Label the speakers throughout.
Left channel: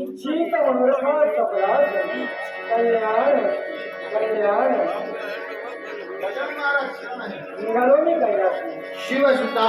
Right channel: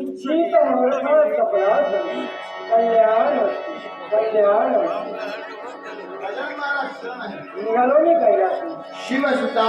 Speaker 1: इच्छित मूर्ख चपलास कल्याण कल्याण निघालो मी कैलास
Speaker 2: शिवसुता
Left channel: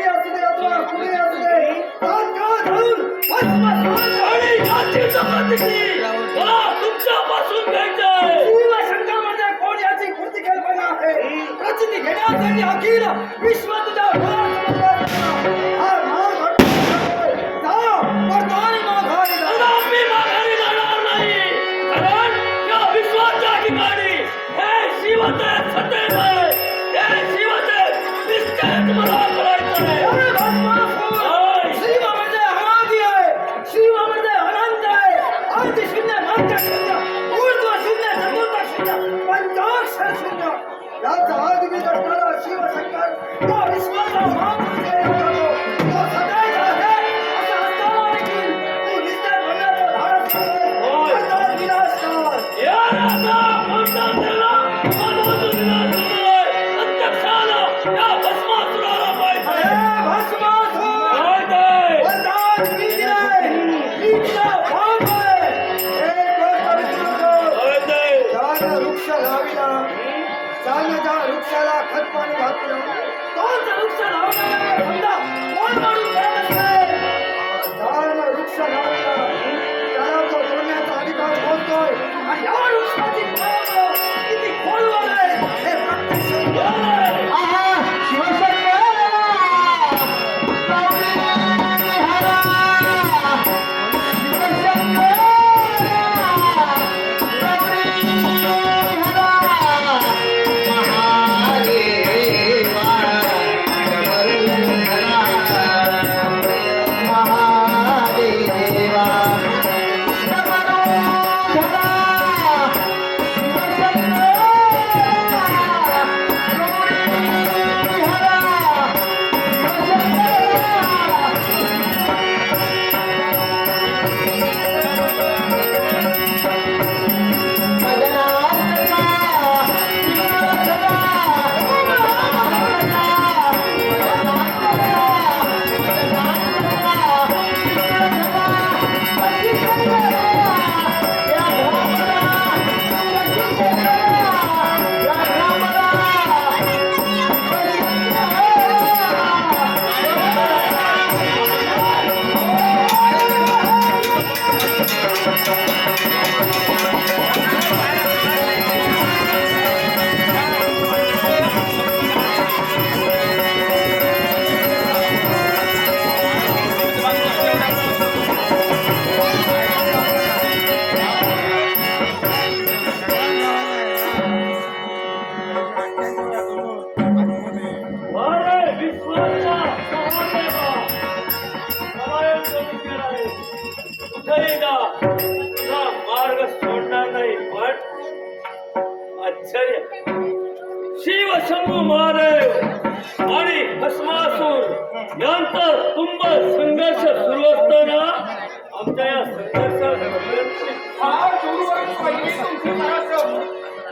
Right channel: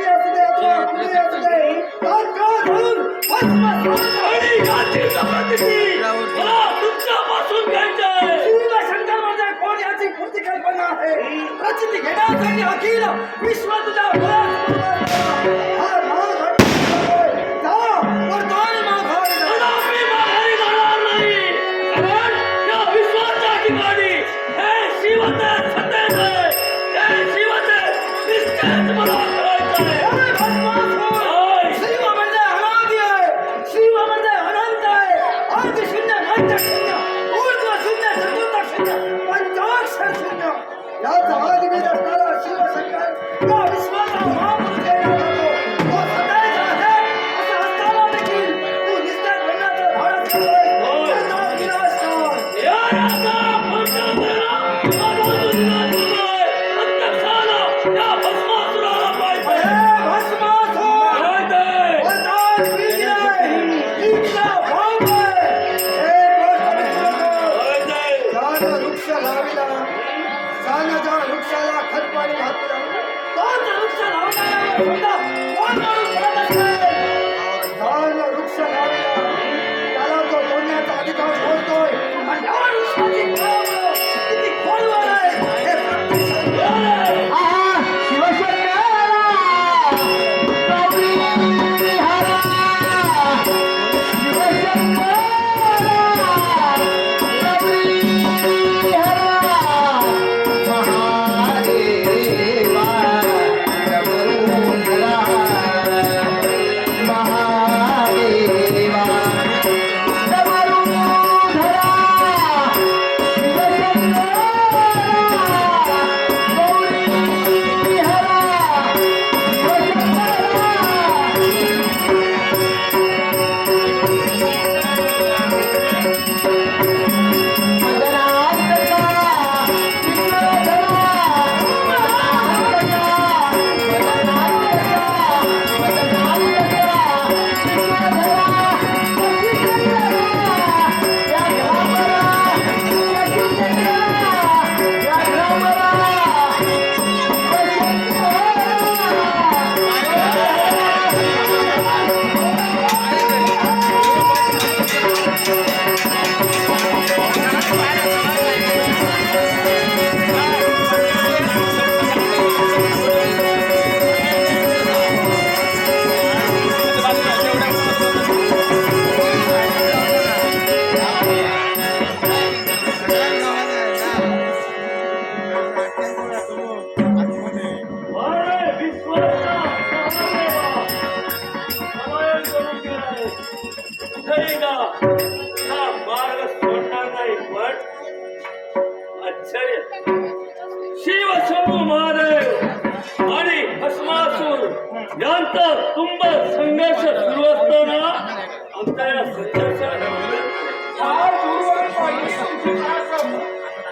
Speaker 1: कुणी असू दे धरून
Speaker 3: याची मला तुमच्यापासून
Speaker 1: म्हणजे कोण याची पूर्ती कल्पना आहे. प्रचिती घेण्यासाठी अखिल विश्व तुझ्या डोळ्यासमोर शून्य याचा आदिबीज असणारा या विश्वाचा महापुरुष केला बोलतोय आणि या वृक्षाची फळं
Speaker 3: शंभू महादेव आणि भस्मासूर यांचा तुंब संघर्ष सुरू असताना आमच्या या संघर्षात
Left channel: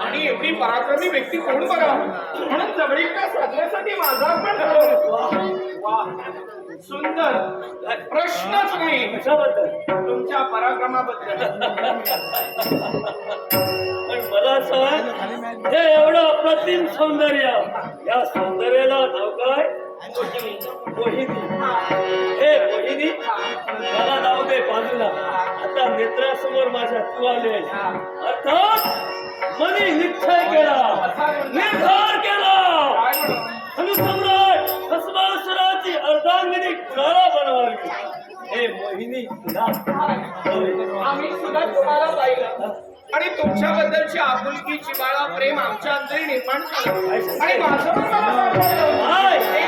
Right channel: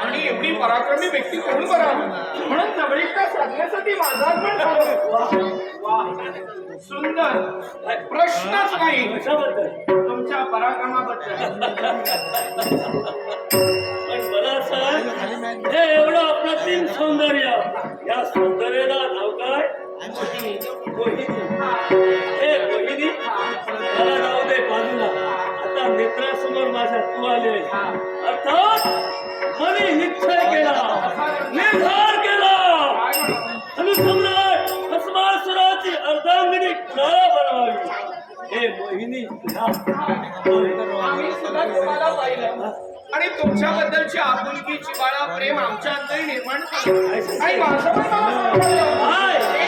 Speaker 4: आणि एवढी पराक्रमी व्यक्ती कोण करा म्हणून जवळीकता साधण्यासाठी माझा पण झालो. वा सुंदर. प्रश्नच नाही. तुमच्या पराक्रमाबद्दल.
Speaker 3: अप्रतिम सौंदर्य. या सौंदर्याला नाव काय? मोहिनी. हे मोहिनी त्याला नाव दे बाजूला. आता नेत्रासमोर माझ्या तू आले. अर्थात मनी निश्चय केला. निर्धार केला. अनुसम्राट भस्मासुराची अर्धांगिनी कुणाला बनवावी? हे मोहिनी तुला. होय.
Speaker 4: आम्ही सुद्धा तुम्हाला पाहिलं. आणि तुमच्याबद्दलची आपुलकीची बाळा प्रेम आमच्या अंतरी निर्माण झालं. आणि माझं पण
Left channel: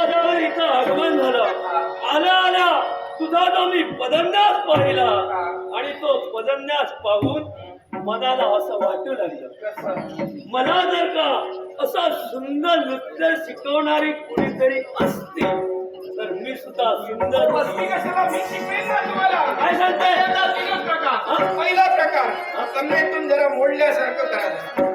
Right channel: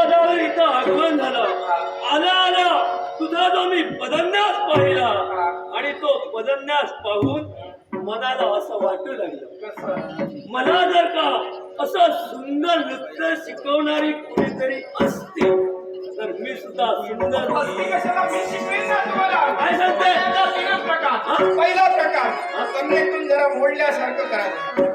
Speaker 3: ज्यावेळी इथं आगमन झालं. आल्या आल्या तुझा जो मी पदन्यास पाहिला आणि तो पदन्यास पाहून मनाला असं वाटू लागलं. मला जर का असं सुंदर नृत्य शिकवणारी कोणीतरी असती तर मी सुद्धा सुंदर काय सांगताय?
Speaker 4: पहिला? प्रकार. जरा मोडल्यासारखं करावं.